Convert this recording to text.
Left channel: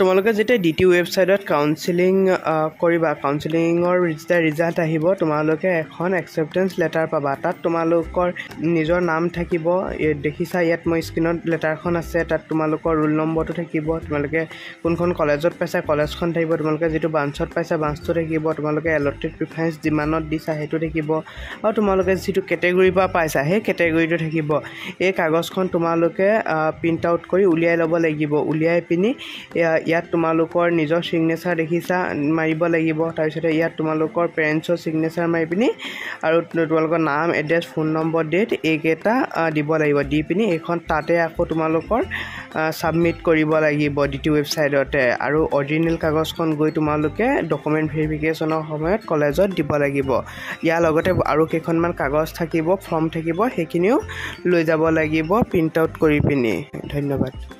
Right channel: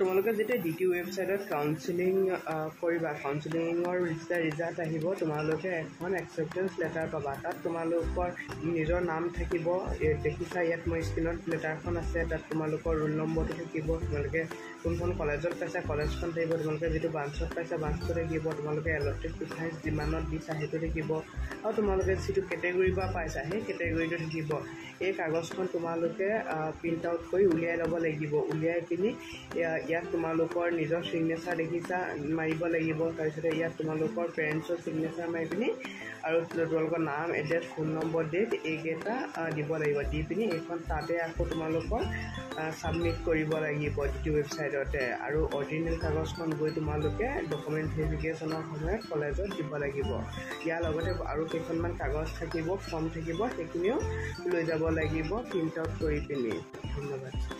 তোমালোকে যেতিয়া ডিটি ৱেবছাইটত কাউন্সেলিং কৰিবা কাউন্সেলিঙৰ যেতিয়া ৰিজাল্ট আহিব তোমালোকে এখন একচেপ্টেন্স লেটাৰ পাবা তাত তোমালোকৰ নিজৰ নাম থাকিব দেখিছা ইয়াত মই স্ক্ৰীনত লেটাৰখন আছে তাত তোমালোকৰ ৰোল নম্বৰটো থাকিব তোমালোকে কোনখন কলেজত পাইছা কলেজখন থাকিব তোমালোকে যিটো ব্ৰাঞ্চত পাইছা ব্ৰাঞ্চটো থাকিব তোমালোকে এলটেড প্ৰিফাৰেন্স যিমানত দিছা সেইটো থাকিব আৰু তোমালোকে যিটো কেটেগৰী বা পাইছা সেই কেটেগৰীটো থাকিব এই কাগজখন তোমালোকে প্ৰিন্ট আউট কৰি উলিয়াই ল'ব লাগিব উলিয়াই পিনি ইয়াত তোমালোকৰ নিজৰ সিগনেচাৰ দেখিছা মাৰিব লাগিব তাৰপিছতে ইয়াত তোমালোকৰ পেৰেন্টছৰ সিগনেচাৰ মাৰি পিনি আৰু তোমালোকৰ নাম এড্ৰেছ ফোন নম্বৰ ডেট এইকেইটা দিব লাগিব দি পিনি এইখন তাতে আকৌ তোমালোকৰ সাবমিট কৰিব লাগিব ডিটি ৱেবছাইটতে আৰু অৰিজিনেল কাগজখন গৈ তোমালোকে ডকুমেন্ট ভেৰিফিকেশ্যনৰ সময়ত কলেজত দিব লাগিব ইয়াৰ লগতে আৰু কেইখনমান কাগজ থাকিব ফৰ্ম থাকিব সেইখিনিও লৈ যাব লাগিব প্ৰিন্ট আউট কৰি পিনি ধন্যবাদ